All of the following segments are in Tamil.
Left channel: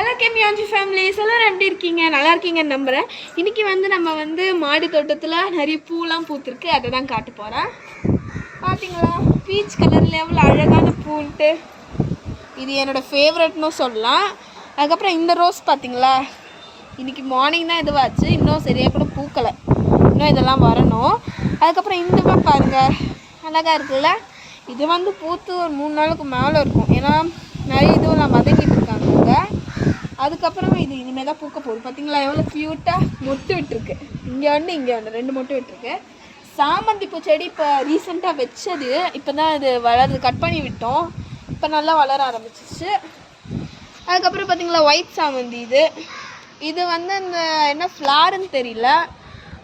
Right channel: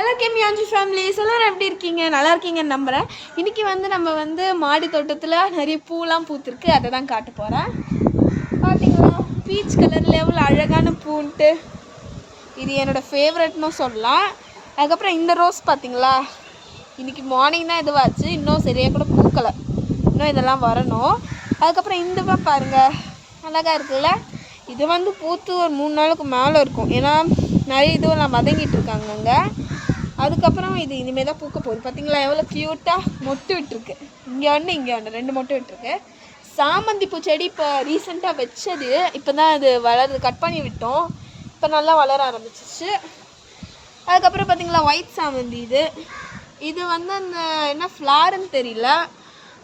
ஹலோ கெமியாஞ்சி ஃபேமிலிஸ் எல்லோரும் எப்படி இருக்கீங்க? நல்லா இருக்கீங்கன்னு நம்புகிறேன். இன்றைக்கி நம்ம மாடி தோட்டத்தில் நிறைய பூலாம் பூத்துருக்கு, அதை தான் காட்ட போகிறேன். பார்த்தீங்களா, பீச் கலரில் எவ்வளோ அழகான பூன்ட்டு. இது என்னோடய ஃபேவரட்னு சொல்லலாம். அதுக்கப்புறம் இந்த ரோஸ் பார்த்தீங்களா, இன்றைக்கி மார்னிங் தான் இதுவாச்சு, இன்னும் சரியாக கூட பூக்கலை, இன்னும் இதெல்லாம் வரணும். அதுக்கப்புறம் இந்த பாருங்கள், அழகாக இருக்குல்ல. இது பூத்து ஒரு 3 நாளுக்கு மேலே இருக்கும், ஏன்னா நிறைய இதுவும் வதங்கிட்டு இருக்காங்க. அதுக்கப்புறம் இது இனிமேல் தான் பூக்க போகுது. பார்த்தீங்களா எவ்வளோ க்யூட்டாக மொட்டு விட்டுருக்கு. இங்கே இங்கே 2 மொட்டு விட்டுருக்கு. சாமந்தி பூ செடி இப்போ ரீசெண்டாக வச்சது, இப்போ தான் இது வளருது. கட் பண்ணி விட்டோம், இப்போ நல்லா வளர ஆரம்பிச்சிச்சு. அதுக்கப்புறம் பார்த்தீங்களா ஒயிட் சாமந்தி. இது அந்த என்ன ஃப்ளாருன்னு தெரியல,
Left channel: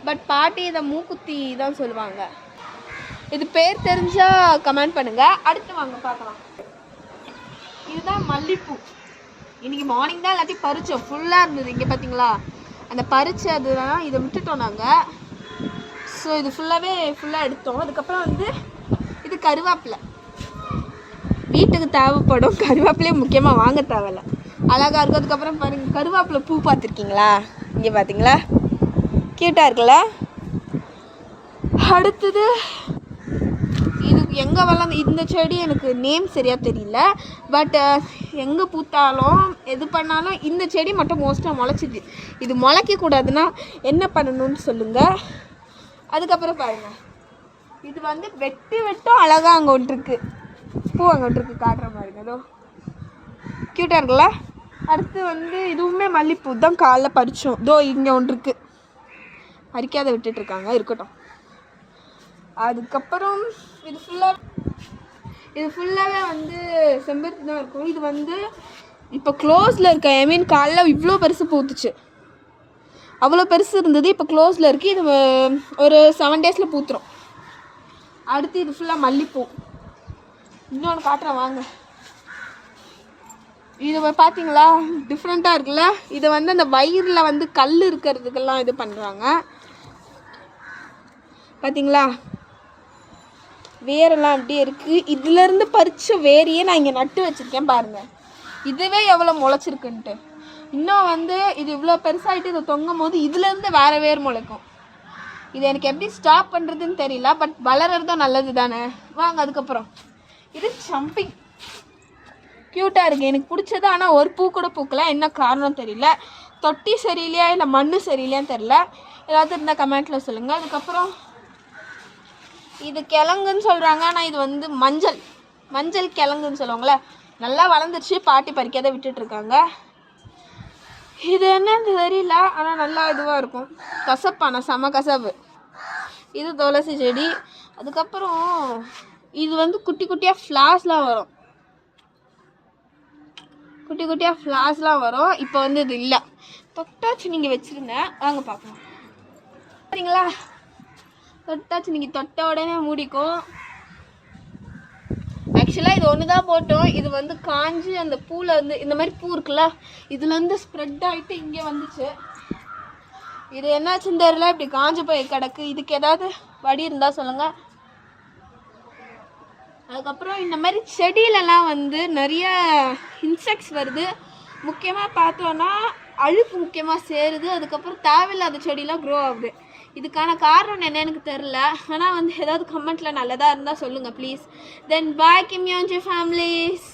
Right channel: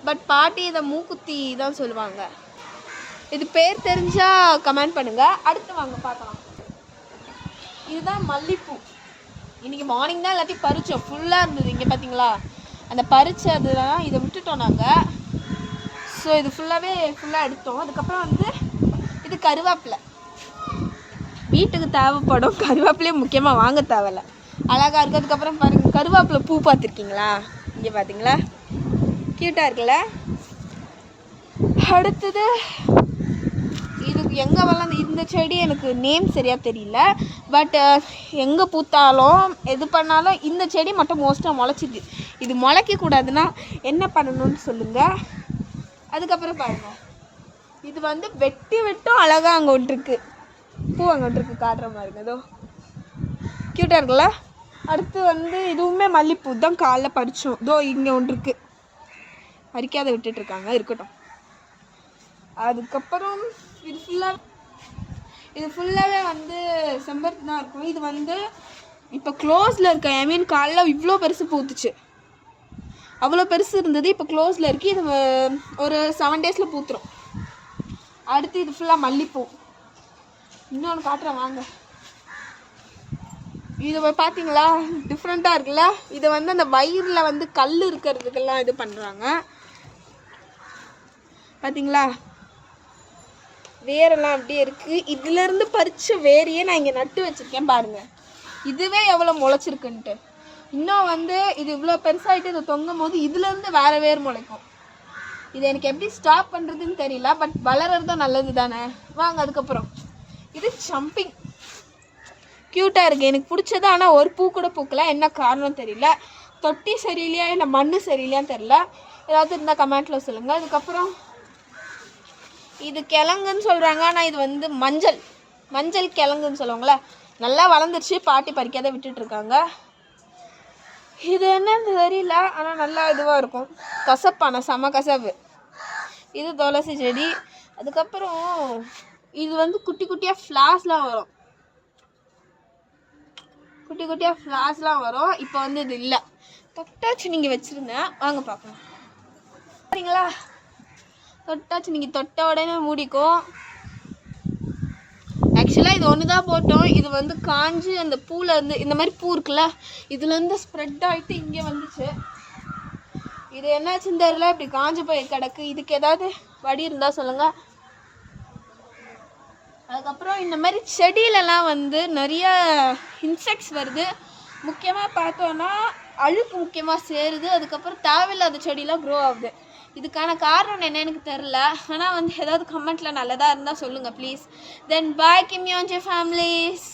பட் பாட்டி இதை மூக்குத்தி தான் சொல்லுவாங்க. இது பேர் தெரிஞ்சால் கமெண்ட் பண்ணுங்கள். அடுத்து வாங்க பார்க்கலாம். இதுதான் மல்லிப்பூ. இன்றைக்கி மார்னிங் தான் எல்லாத்தையும் பறித்தோம், ஃபுல்லாக இருந்தது. இங்கே பார்த்தீங்களா அந்த பறித்தது தான், இதை விட்டுட்டோம் நாங்கள். ஸோ இது ஃபுல்லாக எடுத்தோம். அதுக்கப்புறம் இது கருவேப்பிலை, வீட்டுக்கு தேவைப்படும். கருவேப்பிலையே முக்கியமாக வாங்க தேவையில்ல, அழகாக இருக்கும். அதுக்கப்புறம் பாருங்கள், கருவேப்பிலை பூ பார்த்துருக்கீங்களா? இங்கே பார்த்தீங்களா, க்யூட்டாக இருக்குல்ல. அடுத்தது இது எங்கே வளர்ந்து, இந்த செடி எனக்கு நேம் சரியாக தெரியல, பட் எங்கே பூத்தாலும் எது பண்ணாலும் இந்த செடி மட்டும் மோஸ்ட்டாக முளைச்சிது. இது முளைக்கக்கூடாதுன்னா என்ன பண்ணணும்னு சொல்லுங்கள். அதுக்கப்புறம் பாருங்கள், இது வெட்டும் அழகாக அங்கே ஒன்று இருக்குது, பூ அங்கே ஒன்று இருக்குது, காட்டுற மாதிரி ஏதோ க்யூட்டாக இருக்குல்ல. அடுத்து இதுவுமே மல்லிப்பூ தான், காலைல பறித்தோம். இதோ இங்கே ஒன்று இருக்குது, பறிக்காத விட்டுட்ருக்காங்க, இருக்கட்டும். அதுக்கப்புறம் இது ஃபுல்லாகவே செம்பருத்தி தான் இருக்கும். இது இப்போ க்ளோஸில் இருக்க, ஐ மீன் காலைல இவ்வளோ பெருசு பூத்துச்சு, அவ்வளோ பெருசு இருந்தது, இப்போ க்ளோஸில் இருக்குது. இது ஒரு 7 டேஸில் பூத்துரும். அடுத்து இது ஃபுல்லாக மல்லிப்பூ. இன்னொன்று காட்டுறேன் வாங்க. இது பார்த்தீங்களா டிஃப்ரெண்ட்டாக இருக்குல்ல. இதை அந்த வயிறில் கல் இருக்கிறதுக்கெல்லாம் இது பண்ணுறாங்க. பார்த்தீங்களா வேரெல்லாம் அப்படியே இருக்குது. இதுலேருந்து பறித்த வேரையே நான் இங்கே நட்டு வச்சுருக்கேன் பாருங்கள். இதுவே எவ்வளோ முளைச்சிருக்குன்ட்டு. இன்னும் இது இவ்வளோ பெருசாகிட்டு இது தொங்கும் போது இதுலேருந்து வேறு வேர் முளைக்கும். இது எனக்கு எப்படி ஸ்டாப் பண்ணுறதுன்னு தெரியல, பட் வளர்கிறது தான் நல்லது தானே. வாங்க. அதுக்கப்புறம் இது சம்பிங், க்யூட்டாக இருக்குது, எனக்கு பிடிச்சது. ஆனால் ஒரு பூ கூட பூக்கல, என்ன காரணம் தெரியல. தொட்டி சரியில்லையா இல்லை மண் சரியில்லையான்னு தெரியல, ஏதாவது இருந்தால் கமெண்ட்டில் சொல்லுங்கள். அதுக்கப்புறம் இது கிழங்குன்னு சொல்கிறாங்க, ஆனால் இது மஞ்சள் கிழங்குன்னு சொல்லுவாங்களே, நல்லா வளர்ந்துருச்சு. பாட்டி பறிக்காத விட்டுட்ருக்காங்க. இது என்னன்னு தெரியல, ஆனால் நல்லா இதுவாக இருக்கும். கசப்பான செம கசப்பு. இது துளசி செடி. அதுக்கப்புறம் இது குட்டி குட்டியாக ஃப்ளாஸ்லாம் வரும், குட்டி குட்டியாக ஃப்ளாஸ்லாம் வரும். இப்போ இது இல்லை, தொட்டாச்சு நீங்கள் வச்சுருந்தேன். வாங்க பார்க்கலாம். சரிங்களா, தொட்டாச்சு, நீங்கள் தொட்ட உடனே மூடிக்கும். ஆக்சுவலாக இது ஒன்று தான் போட்டோம். இது காஞ்சி அந்த பூவில் இந்த மாதிரி பூ இருக்குல்ல, இதுலேருந்து ஸ்ப்ரெட் ஆகிட்டு இங்கே வந்துச்சு. இது என்னாச்சுன்னு தெரியல, இப்படி காஞ்சி போய் கிடக்கு. இதுக்கு ஏதாவது வடி இருந்தால் சொல்லுங்கள். அதுக்கப்புறம் இந்த மாதிரி செடியிலலாம் நிறைய இன்செக்ட்ஸ் வருது. முக்கியமாக பார்த்தோன்னா அழுக்கு முக்கியமாக சேருது. அதுக்கப்புறம் தேவையில்லாத செடியெலாம் க்ரோ ஆகுது. இதுக்கான காரணம் என்ன எனக்கு தெரில, ஆனால் ஏதாவது கமெண்ட்டில் நல்லதாக இருந்தால் சொல்லுங்கள் ப்ளீஸ். Then bye கெமியாஞ்சி families.